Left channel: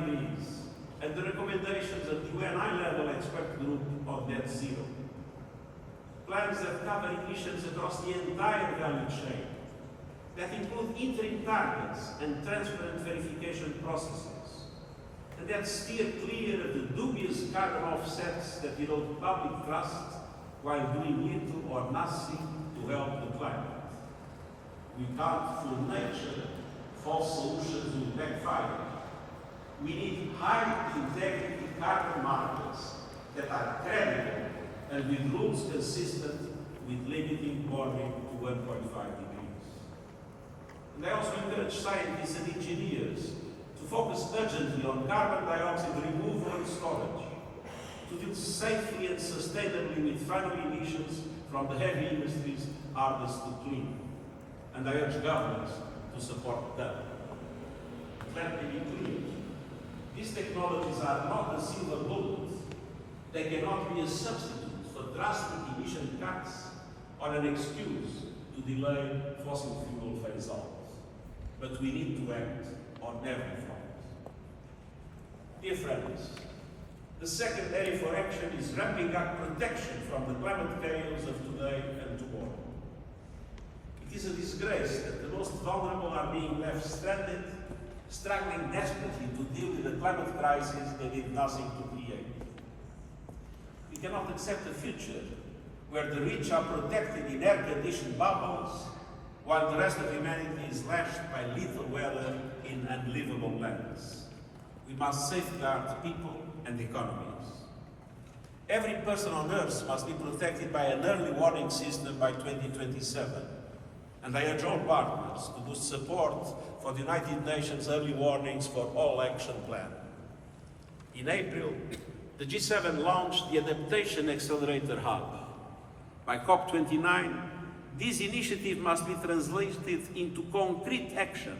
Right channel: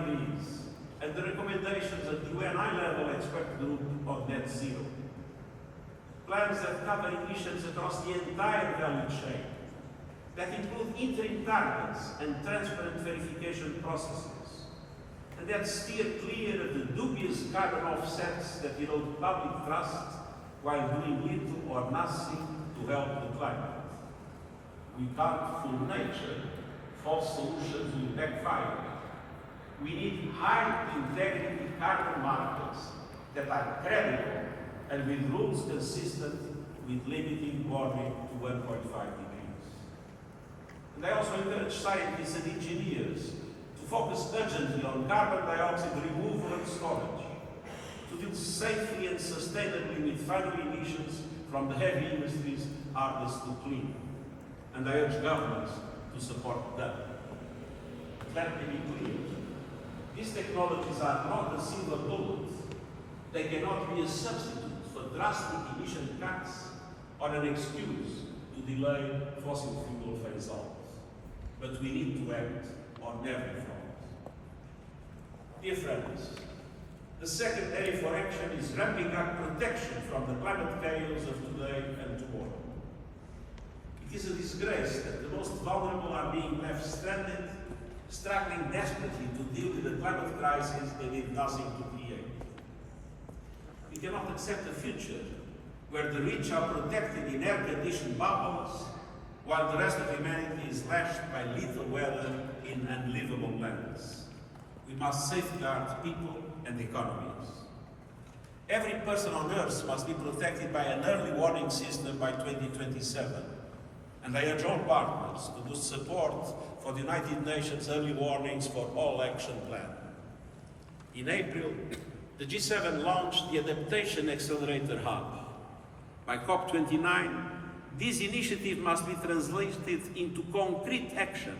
degrees, and the recommendations of the UN high-level expert group of net zero. Plans that cover emissions across the entire value chain, that include interim targets and transparent verification processes, and that steer clear of the dubious carbon offsets that erode public trust while doing little or nothing to help the climate. We can't fool nature. False solutions will backfire. We need high-integrity carbon markets that are credible and with rules consistent with limiting warming to 1.5 degrees. And I also encourage scientists and engineers to focus urgently on carbon dioxide removal and storage, to deal safely and sustainably with final emissions from the heavy industries hardest to clean. And I urge governments to support them. Let me be clear. These technologies are not a silver bullet. They cannot be a substitute for drastic emission cuts or an excuse to delay fossil fuel phase-out. But we need to act on every front. Dear friends, the second area for action is ramping up protection from the climate chaos of today and tomorrow. It is a disgrace that the most vulnerable are being left stranded, struggling desperately to deal with the climate crisis they did nothing to create. We cannot accept a future where the rich are protected in air-conditioned bubbles, while the rest of humanity is lashed by lethal weather in unlivable lands. We must safeguard people and economies. Every person on Earth must be protected by an early warning system by 2027. And I urge all partners to boost support for the United Nations Early Warnings for All Action Plan. In April, the G7 launched the Adaptation Accelerator Hub. By COP29, this initiative must be translated into concrete action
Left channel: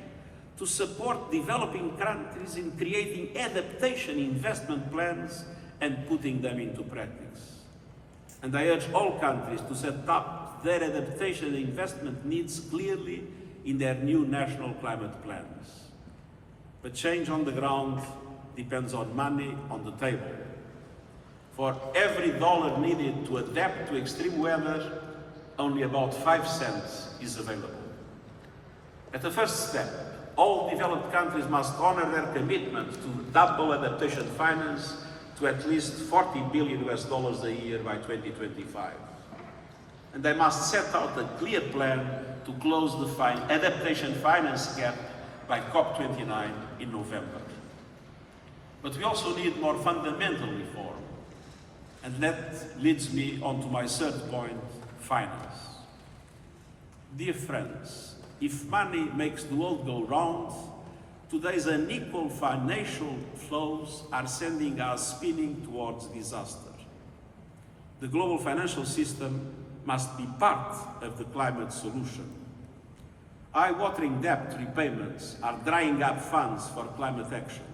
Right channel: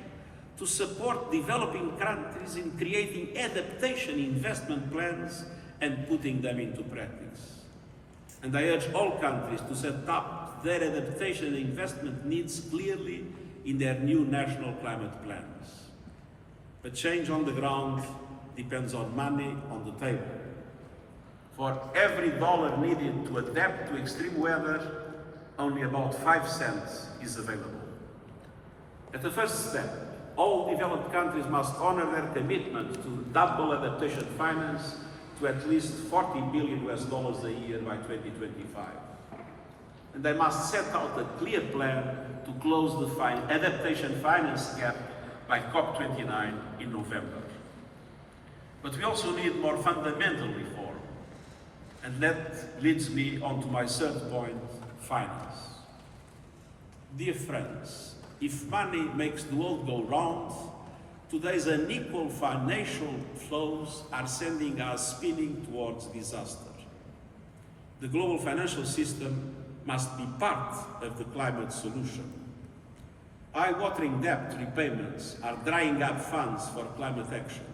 to support developing countries in creating adaptation investment plans and putting them into practice. And I urge all countries to set up their adaptation investment needs clearly in their new national climate plans. But change on the ground depends on money on the table. For every dollar needed to adapt to extreme weather, only about 5 cents is available. At the first step, all developed countries must honor their commitment to double adaptation finance to at least $40 billion a year by 2025. And they must set out a clear plan to close the adaptation finance gap by COP29 in November. But we also need more fundamental reform. And that leads me on to my third point, finance. Dear friends, if money makes the world go round, today's unequal financial flows are sending us spinning towards disaster. The global financial system must be part of the climate solution. Eye-watering debt repayments are drying up funds for climate action.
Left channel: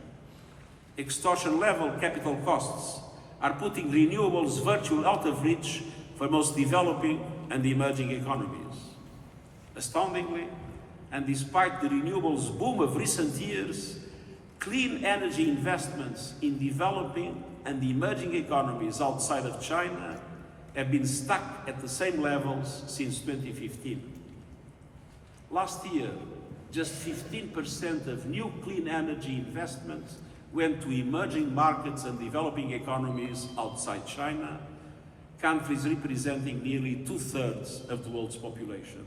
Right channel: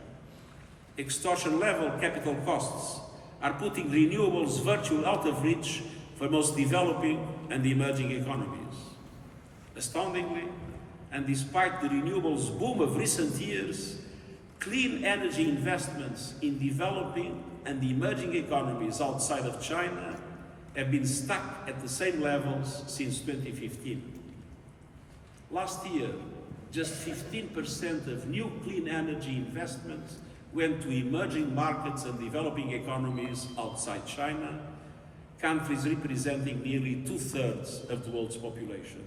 Extortion-level capital costs are putting renewables virtually out of reach for most developing and emerging economies. Astoundingly, and despite the renewables boom of recent years, clean energy investments in developing and emerging economies outside of China have been stuck at the same levels since 2015. Last year, just 15% of new clean energy investments went to emerging markets and developing economies outside China, countries representing nearly 2/3 of the world's population.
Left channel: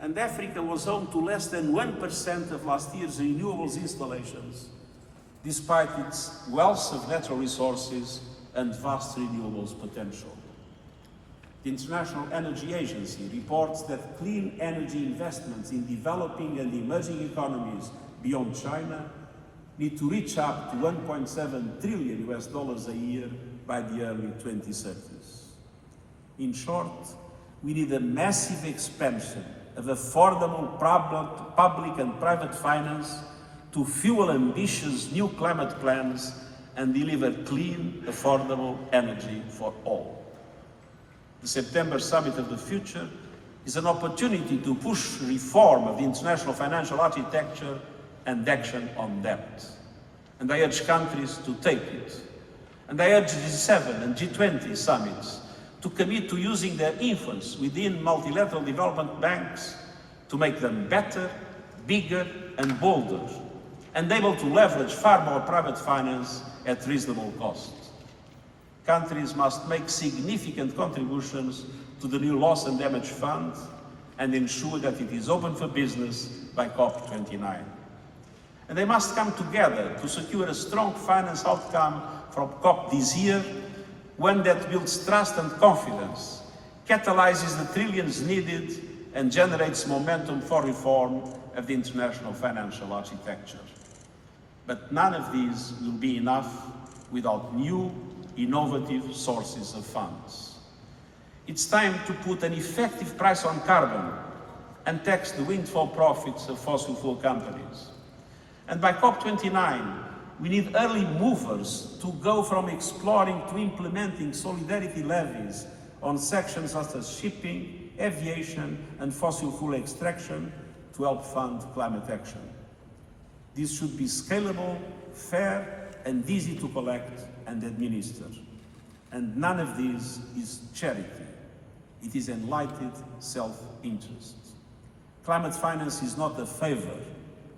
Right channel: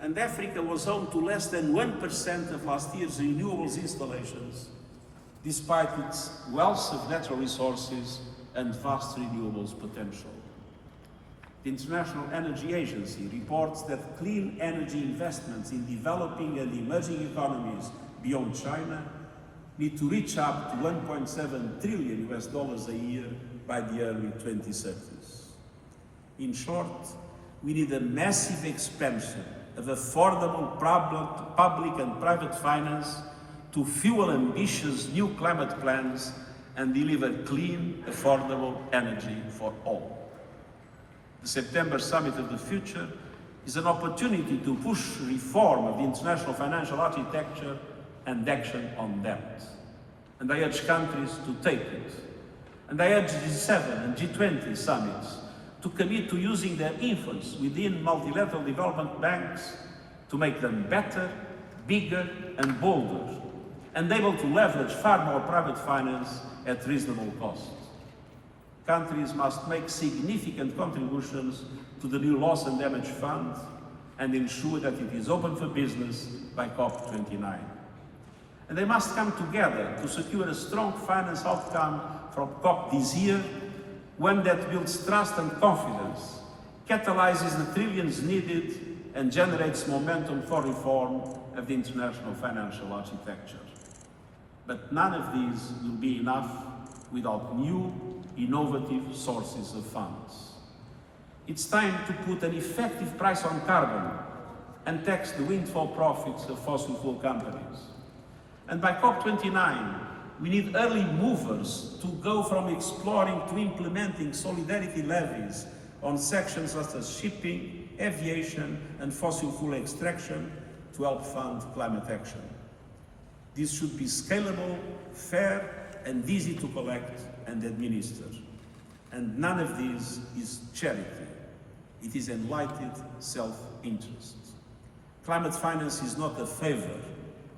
And Africa was home to less than 1% of last year's renewables installations, despite its wealth of natural resources and vast renewables potential. The International Energy Agency reports that clean energy investments in developing and emerging economies beyond China need to reach up to $1.7 trillion a year by the early 2030s. In short, we need a massive expansion of affordable public and private finance to fuel ambitious new climate plans and deliver clean, affordable energy for all. The September Summit of the Future is an opportunity to push reform of the international financial architecture and action on debt. and I urge countries to take it. And I urge the G7 and G20 summits to commit to using their influence within multilateral development banks to make them better, bigger and bolder, and able to leverage far more private finance at reasonable cost. Countries must make significant contributions to the new Loss and Damage Fund and ensure that it is open for business by COP29. And they must come together to secure a strong finance outcome from COP this year, one that builds trust and confidence, catalyzes the trillions needed, and generates momentum for reform of the international financial architecture. But none of these will be enough without new, innovative sources of funds. It's time to put an effective price on carbon and tax the windfall profits of fossil fuel companies. And by COP29, we need early movers to go from exploring to implementing solidarity levies on sections such as shipping, aviation, and fossil fuel extraction to help fund climate action. This should be scalable, fair, and easy to collect and administer. And none of this is charity. It is enlightened self-interest. Climate finance is not a favor.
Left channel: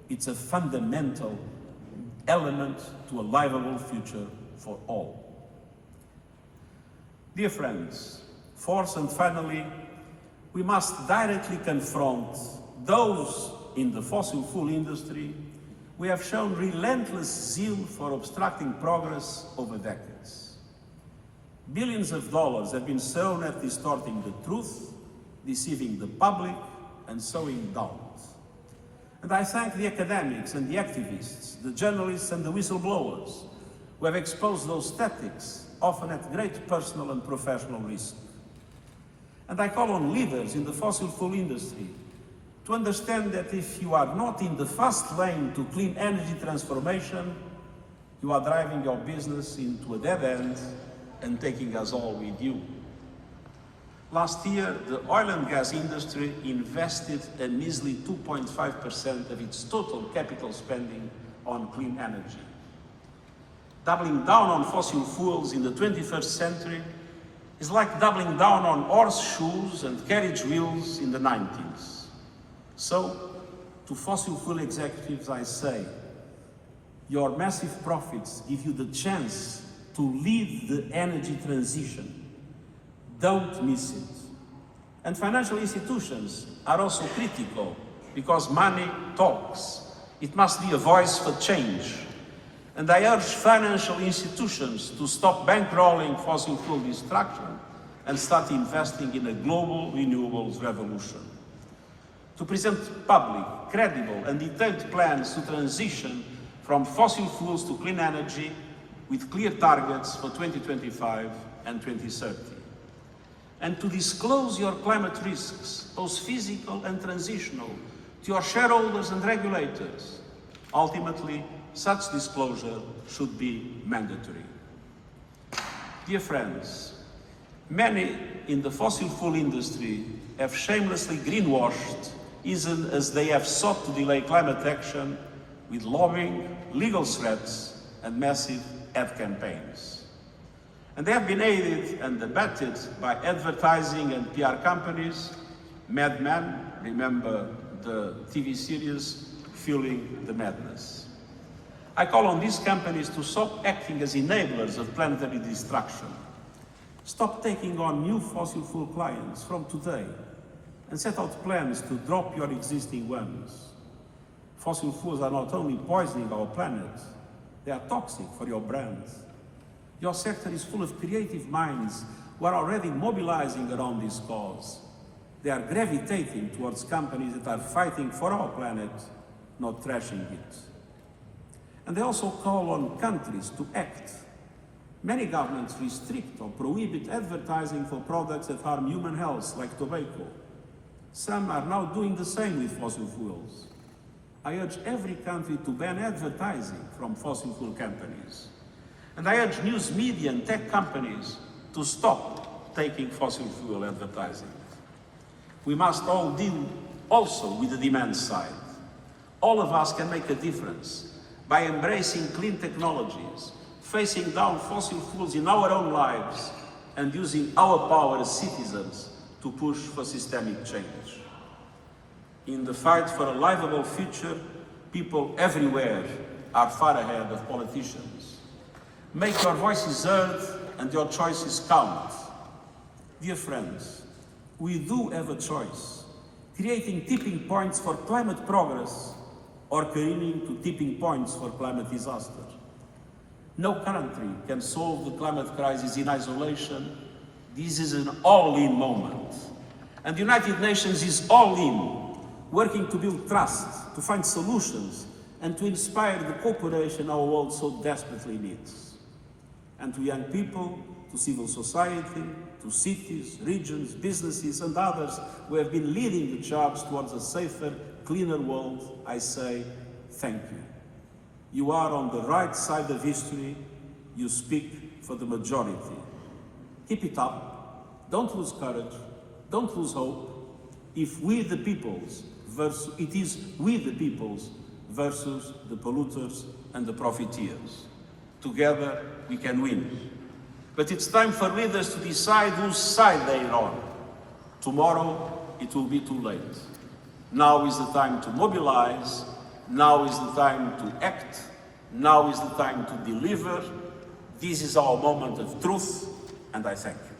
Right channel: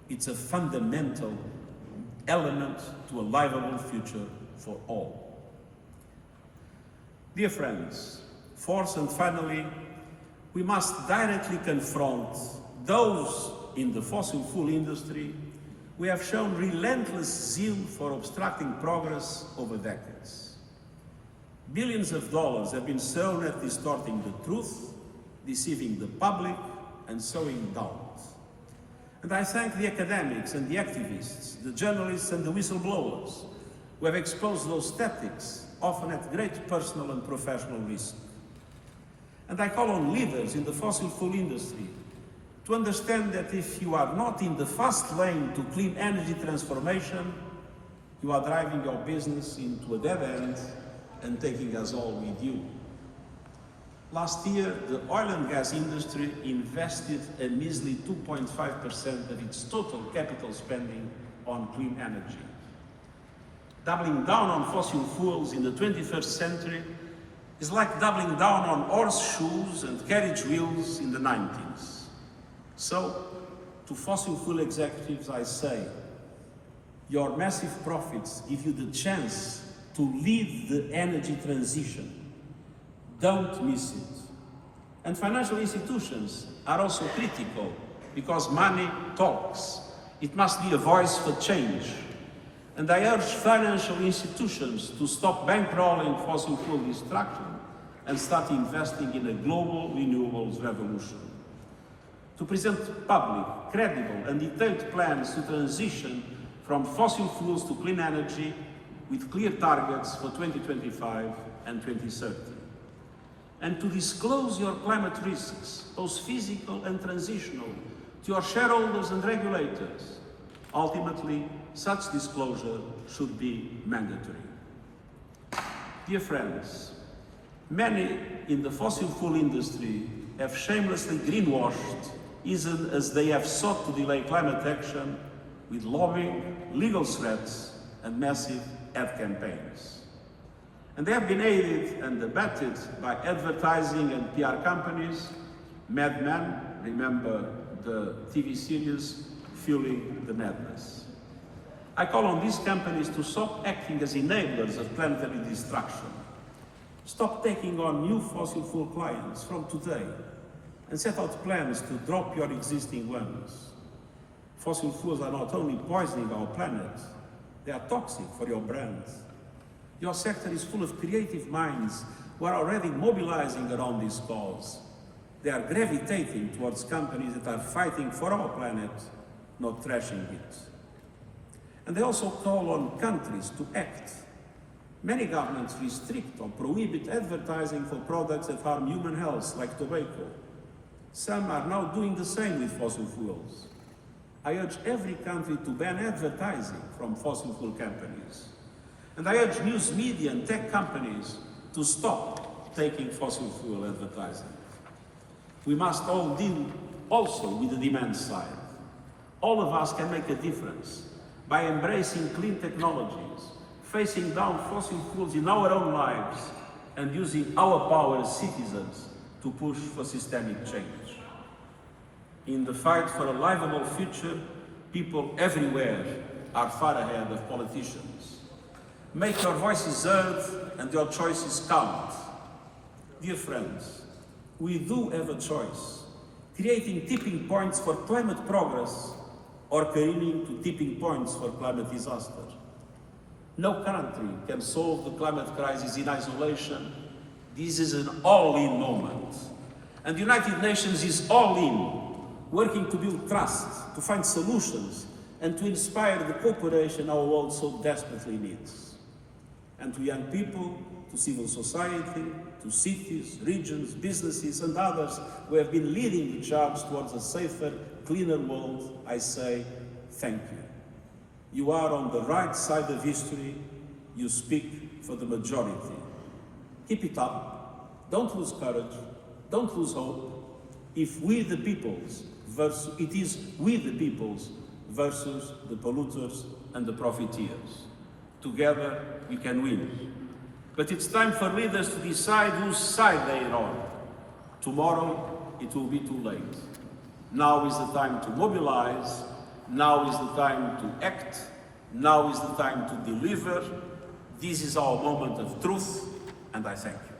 It's a fundamental element to a livable future for all. Dear friends, fourth and finally, we must directly confront those in the fossil fuel industry who have shown relentless zeal for obstructing progress over decades. Billions of dollars have been thrown at distorting the truth, deceiving the public, and sowing doubt. And I thank the academics and the activists, the journalists and the whistleblowers who have exposed those tactics, often at great personal and professional risk. And I call on leaders in the fossil fuel industry to understand that if you are not in the fast lane to clean energy transformation, you are driving your business into a dead end and taking us all with you. Last year, the oil and gas industry invested a measly 2.5% of its total capital spending on clean energy. Doubling down on fossil fuels in the 21st century is like doubling down on horseshoes and carriage wheels in the 90s. So, to fossil fuel executives I say, your massive profits give you the chance to lead the energy transition. Don't miss it. And financial institutions are also critical because money talks. It must be a voice for change. And I urge financial institutions to stop bankrolling fossil fuel destruction and start investing in a global renewables revolution. To present to the public credible and detailed plans to transition from fossil fuels to clean energy with clear targets for 2025 and 2030. And to disclose your climate risks, both physical and transitional, to your shareholders and regulators. Ultimately, such disclosure should be mandatory. Dear friends, many in the fossil fuel industry have shamelessly greenwashed, even as they have sought to delay climate action with lobbying, legal threats, and massive ad campaigns. And they have been aided and abetted by advertising and PR companies. Mad Men, remember the TV series, Fueling the Madness. I call on these companies to stop acting as enablers of planetary destruction. Stop taking on new fossil fuel clients from today and set out plans to drop your existing ones. Fossil fuels are not only poisoning our planet, they are toxic for your brand. Your sector is full of creative minds who are already mobilizing around this cause. They are gravitating towards companies that are fighting for our planet, not trashing it. And they also call on countries to act. Many governments restrict or prohibit advertising for products that harm human health, like tobacco. Some are now doing the same with fossil fuels. I urge every country to ban advertising from fossil fuel companies. And I urge news media and tech companies to stop taking fossil fuel advertising. We must all deal also with the demand side. All of us can make a difference by embracing clean technologies, facing down fossil fuels in our own lives, and using our power as citizens to push for systemic change. In the fight for a livable future, people everywhere are far ahead of politicians. Make your voices heard and your choices count. Dear friends, we do have a choice, creating tipping points for climate progress or careening to tipping points for climate disaster. No country can solve the climate crisis in isolation. This is an all-in moment. And the United Nations is all in, working to build trust, to find solutions, and to inspire the cooperation our world so desperately needs. And to young people, to civil society, to cities, regions, businesses, and others who have been leading the charge towards a safer, cleaner world, I say thank you. You are on the right side of history. You speak for the majority. Keep it up. Don't lose courage. Don't lose hope. If we the peoples versus, it is we the peoples versus the polluters and the profiteers. Together we can win. But it's time for leaders to decide whose side they are on. Tomorrow it will be too late. Now is the time to mobilize. Now is the time to act. Now is the time to deliver. This is our moment of truth, and I thank you.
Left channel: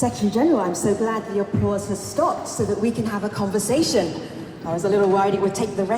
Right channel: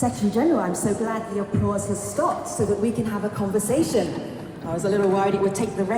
Secretary General, I'm so glad the applause has stopped so that we can have a conversation. I was a little worried it would take the rest